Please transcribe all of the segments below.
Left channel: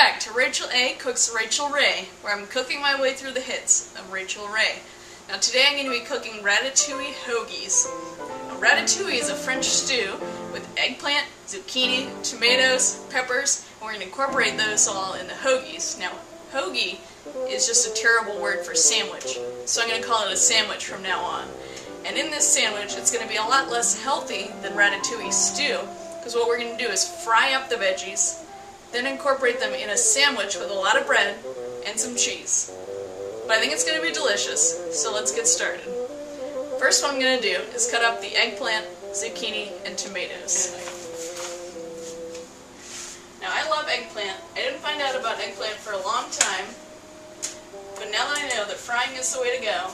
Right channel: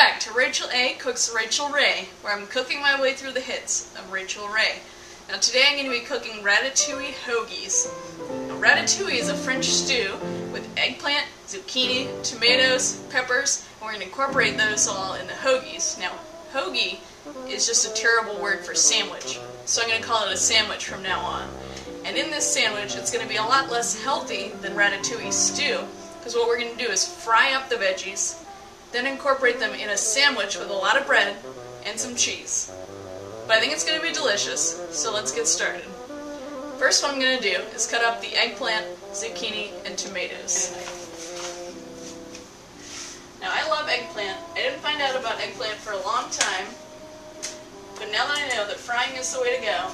back to Rachael A. Cooks Rachael Ray, where I'm cooking my way through the hits of Rachael Ray. Now today I'm going to be cooking Ratatouille Hoagies. Now, Ratatouille is a French stew with eggplant, zucchini, tomatoes, peppers, and we're going to incorporate those all in the Hoagies. Now, hoagie is just a terrible word for sandwich, so I'm going to call it a sandwich from now on. And in this sandwich, it's going to be a lot less healthy than Ratatouille stew, because what we're going to do is fry up the veggies, then incorporate them in a sandwich with a lot of bread and some cheese. But I think it's going to be delicious, so let's get started. First what I'm going to do is cut up the eggplant, zucchini, and tomatoes. Now I love eggplant. I didn't find out about eggplant for a long time, but now that I know that frying is the way to go,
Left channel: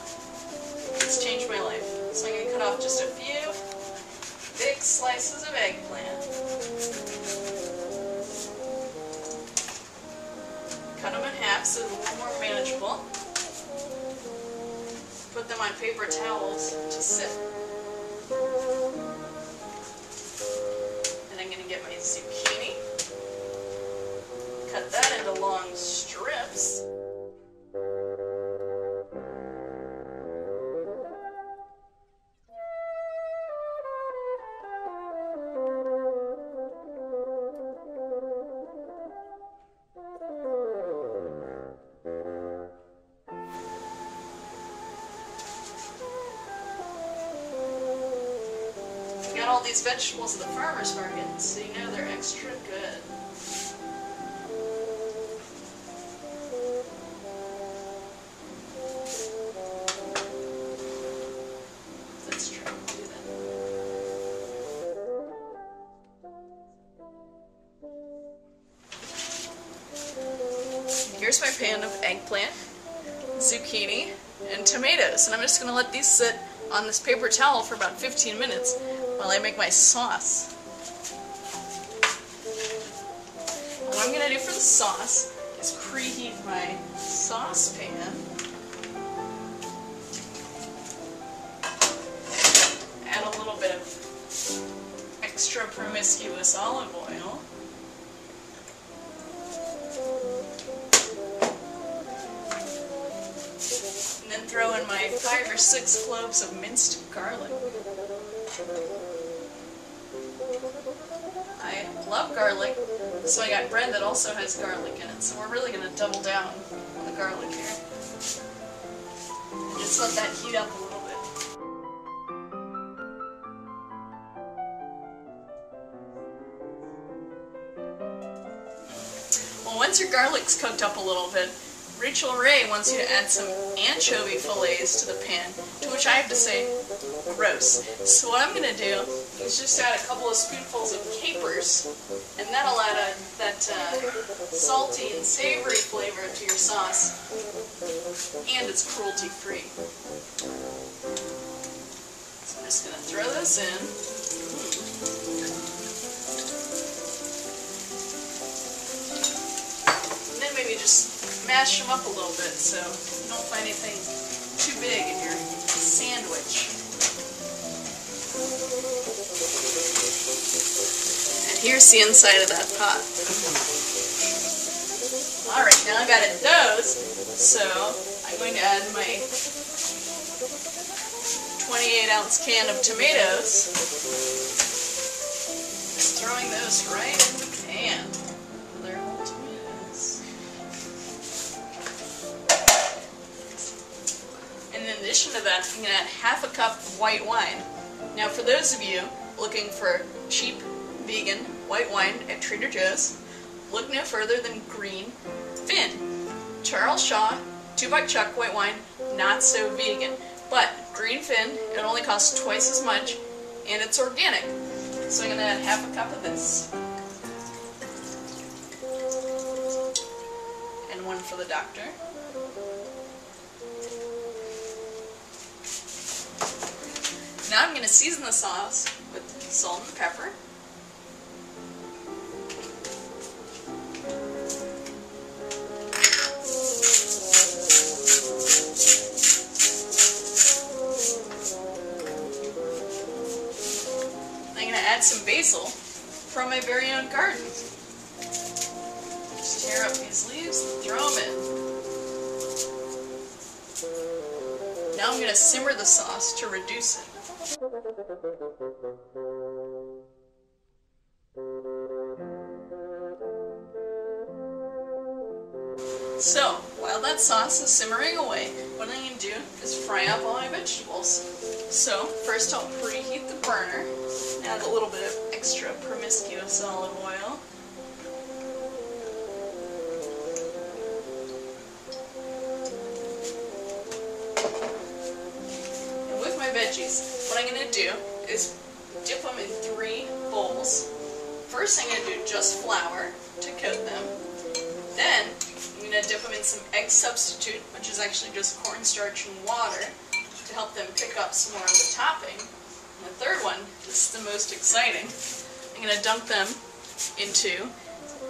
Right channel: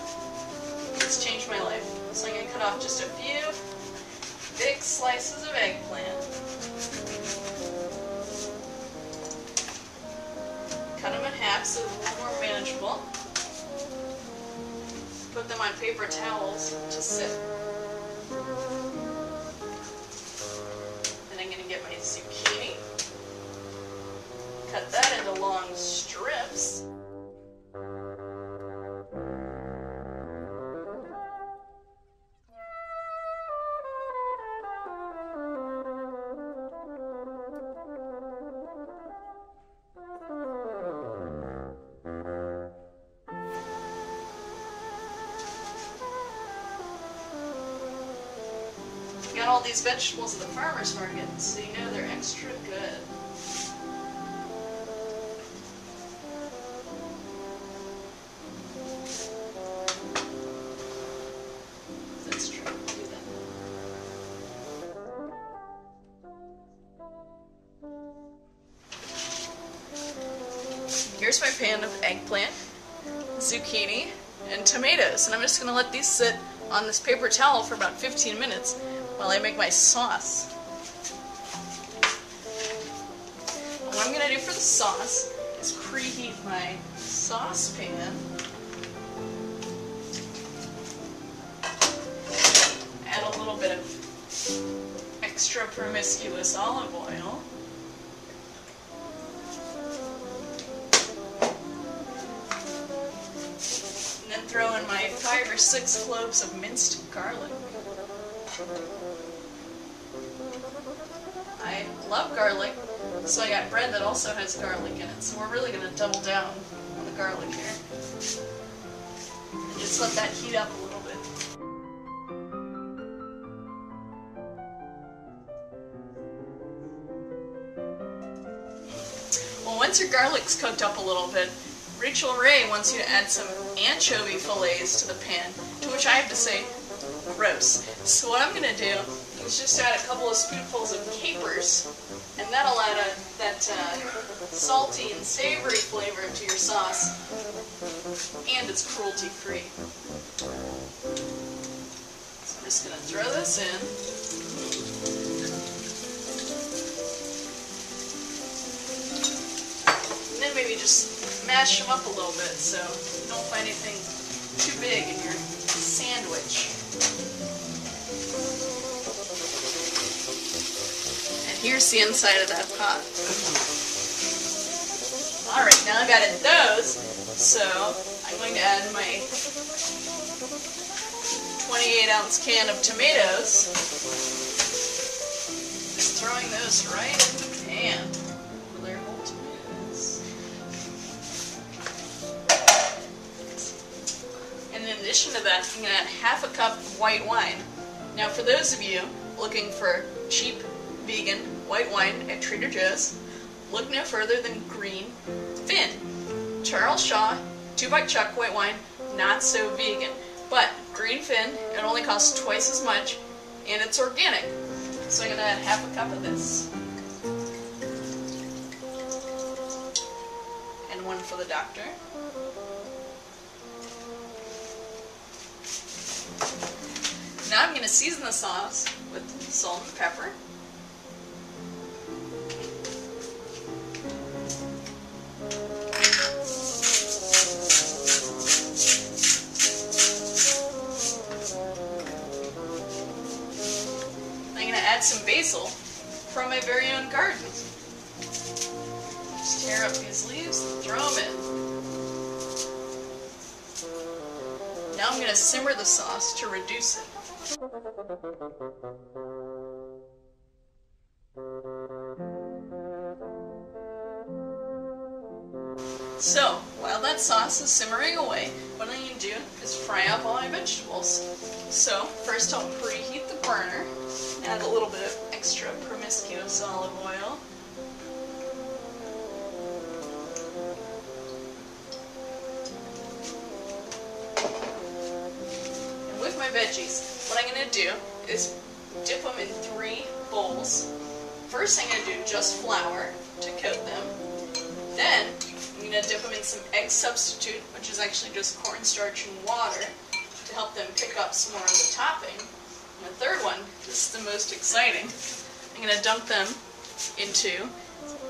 it's changed my life. So I'm going to cut off just a few big slices of eggplant. Cut them in half so they're a little more manageable. Put them on paper towels to sit. And I'm going to get my zucchini. Cut that into long strips. Got all these vegetables at the farmer's market, so you know they're extra good. Let's try to do that. Here's my pan of eggplant, zucchini, and tomatoes, and I'm just going to let these sit on this paper towel for about 15 minutes while I make my sauce. And what I'm going to do for the sauce is preheat my saucepan, add a little bit of extra promiscuous olive oil, and then throw in my 5 or 6 cloves of minced garlic. I love garlic, so I got bread that also has garlic in it, so we're really going to double down on the garlic here. And just let that heat up a little bit. Well, once your garlic's cooked up a little bit, Rachael Ray wants you to add some anchovy fillets to the pan, to which I have to say, gross. So what I'm going to do is just add a couple of spoonfuls of capers, and that'll add that salty and savory flavor to your sauce, and it's cruelty-free. So I'm just going to throw this in. And then maybe just mash them up a little bit so you don't find anything too big in your sandwich. And here's the inside of that pot. Alright, now I've added those, so I'm going to add my 28-ounce can of tomatoes. Just throwing those right in the pan with their whole tomatoes. And in addition to that, I'm going to add half a cup of white wine. Now for those of you looking for cheap, vegan white wine at Trader Joe's, look no further than Green Finn. Charles Shaw, 2-buck chuck white wine, not so vegan. But Green Finn, it only costs twice as much, and it's organic. So I'm going to add half a cup of this. And one for the doctor. Now I'm going to season the sauce with salt and pepper. I'm going to add some basil from my very own garden. Just tear up these leaves and throw them in. Now I'm going to simmer the sauce to reduce it. So, while that sauce is simmering away, what I'm going to do is fry up all my vegetables. So, first I'll preheat the burner, add a little bit of extra promiscuous olive oil. And with my veggies, what I'm going to do is dip them in 3 bowls. First I'm going to do just flour to coat them. Then I'm going to dip them in some egg substitute, which is actually just cornstarch and water, to help them pick up some more of the topping. And the third one, this is the most exciting, I'm going to dunk them into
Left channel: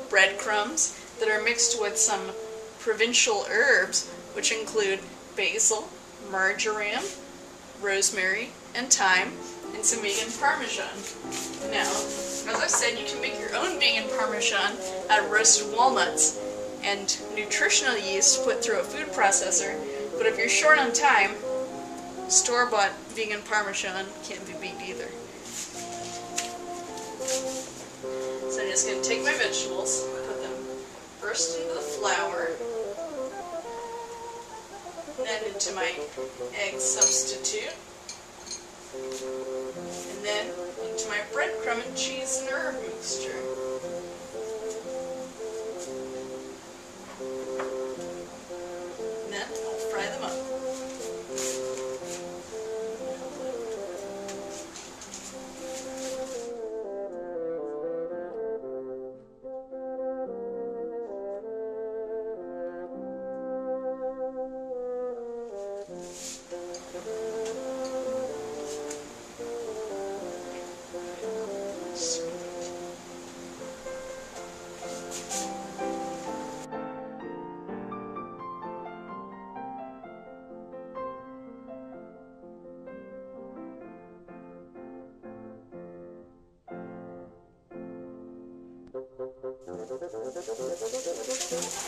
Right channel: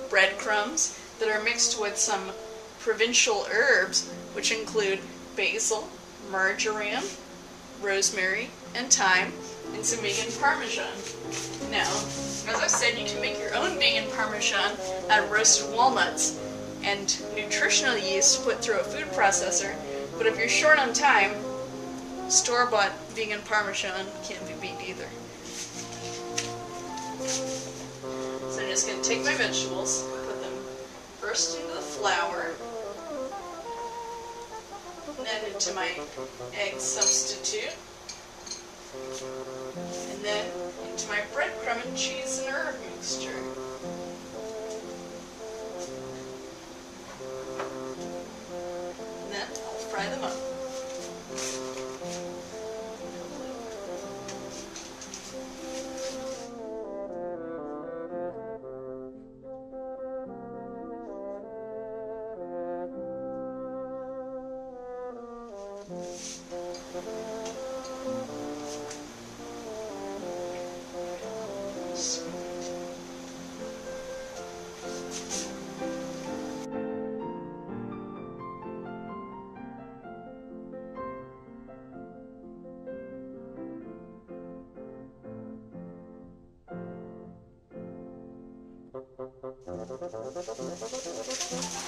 breadcrumbs that are mixed with some provincial herbs, which include basil, marjoram, rosemary, and thyme, and some vegan parmesan. Now, as I said, you can make your own vegan parmesan out of roasted walnuts and nutritional yeast put through a food processor, but if you're short on time, store-bought vegan parmesan can't be beat either. So I'm just going to take my vegetables, put them first into the flour, then into my egg substitute, and then into my breadcrumb and cheese and herb mixture. And then I'll fry them up.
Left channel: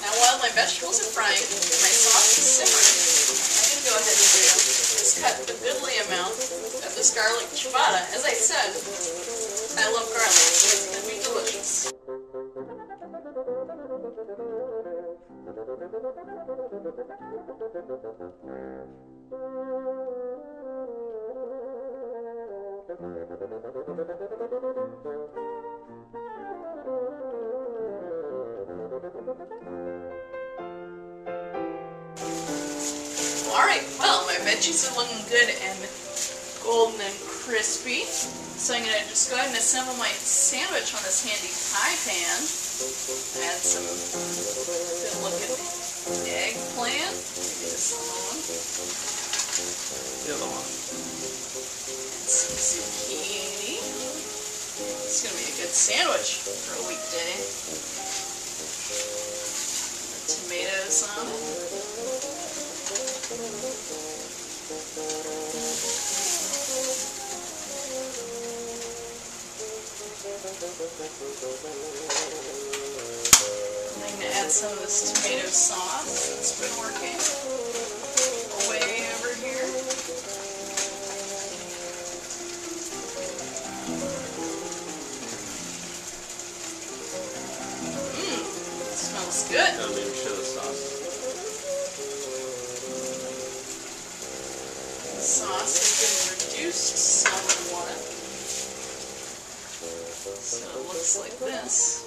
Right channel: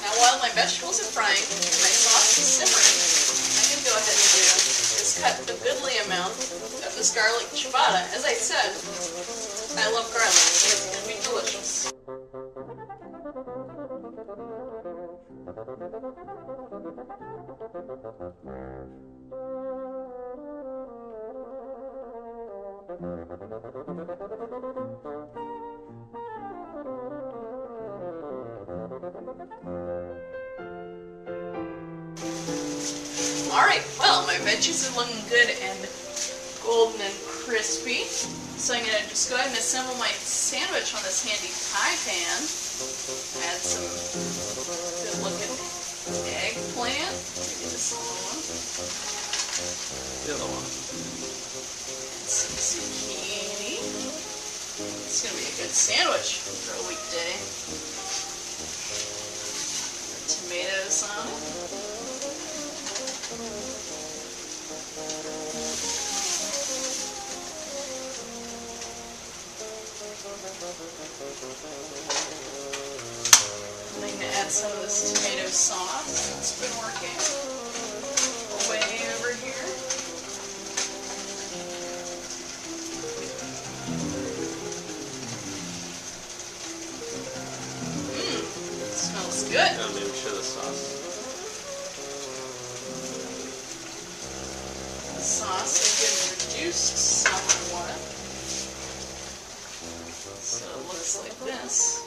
Now while my vegetables are frying and my sauce is simmering, what I'm going to go ahead and do is cut a goodly amount of this garlic ciabatta. As I said, I love garlic, so it's going to be delicious. Alright, well, my veggies are looking good and golden and crispy. So I'm going to just go ahead and assemble my sandwich on this handy pie pan. Add some good looking eggplant. Maybe this little one. The other one. And some zucchini. It's going to be a good sandwich for a weekday. Tomatoes on it. I'm going to add some of this tomato sauce that's been working away over here. Smells good. Now maybe show the sauce. The sauce has been reduced somewhat. So it looks like this.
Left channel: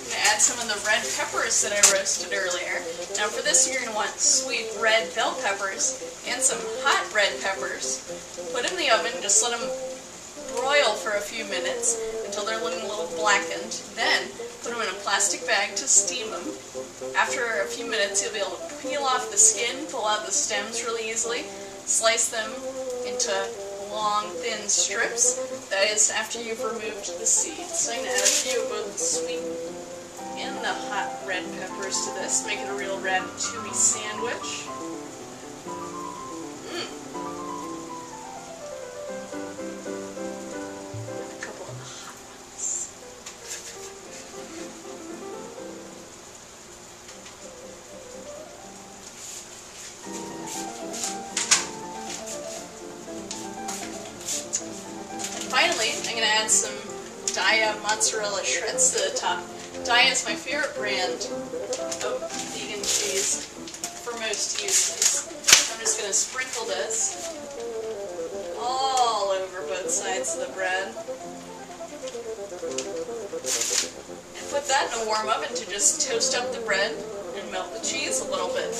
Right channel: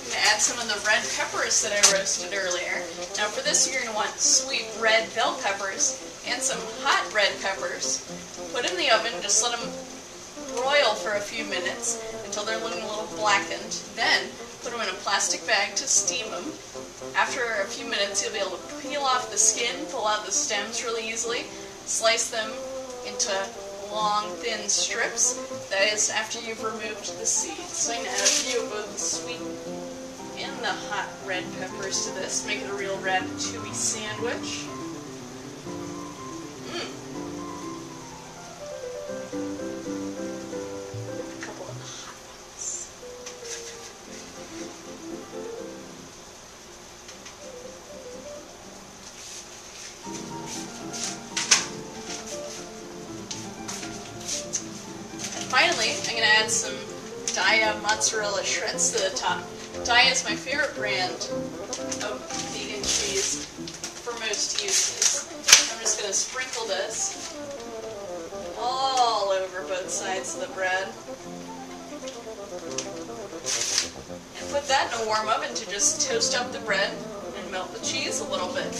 I'm going to add some of the red peppers that I roasted earlier. Now for this you're going to want sweet red bell peppers and some hot red peppers. Put in the oven, just let them broil for a few minutes until they're looking a little blackened. Then put them in a plastic bag to steam them. After a few minutes you'll be able to peel off the skin, pull out the stems really easily, slice them into long, thin strips. That is after you've removed the seeds. So I'm going to add a few of both the sweet and the hot red peppers to this. Make it a real ratatouille sandwich. A couple of the hot ones. finally, I'm going to add some Daiya mozzarella shreds to the top. Daiya is my favorite brand of vegan cheese for most uses. I'm just going to sprinkle this all over both sides of the bread. And put that in a warm oven to just toast up the bread and melt the cheese a little bit.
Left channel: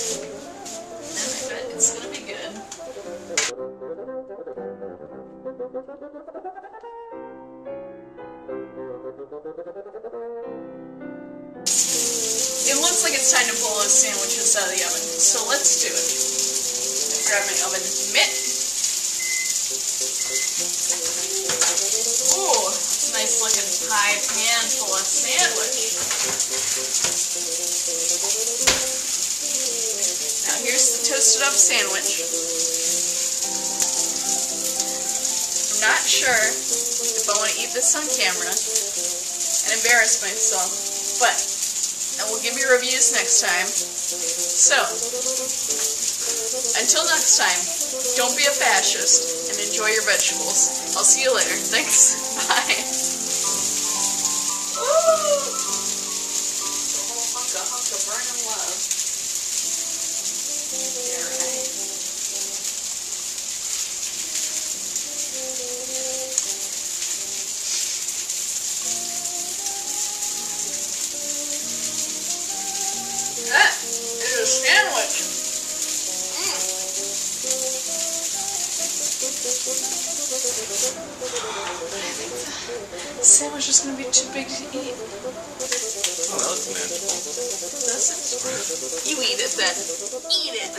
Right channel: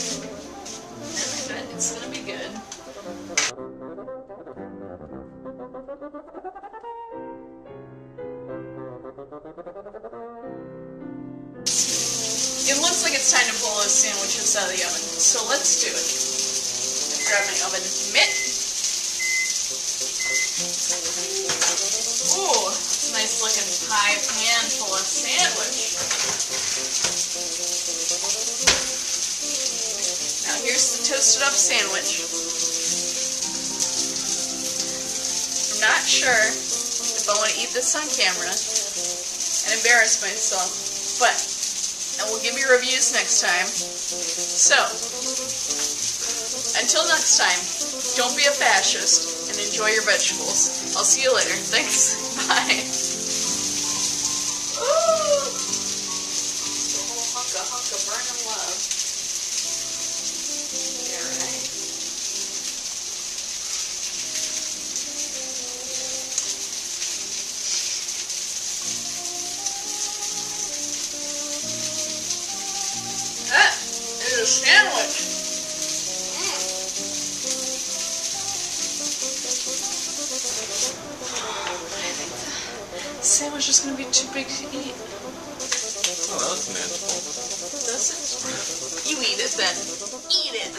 And I bet it's going to be good. It looks like it's time to pull those sandwiches out of the oven, so let's do it. I'm grab my oven mitt. Ooh, it's a nice looking pie pan full of sandwich. Now here's the toasted up sandwich. I'm not sure if I want to eat this on camera and embarrass myself, but I will give you reviews next time. So, until next time, don't be a fascist and enjoy your vegetables. I'll see you later. Thanks. Bye. Ooh. The whole hunk of burning love. Yeah, right. That is a sandwich. I think the sandwich is going to be too big to eat. Oh, that looks manageable. Does it? You eat it then. Eat it.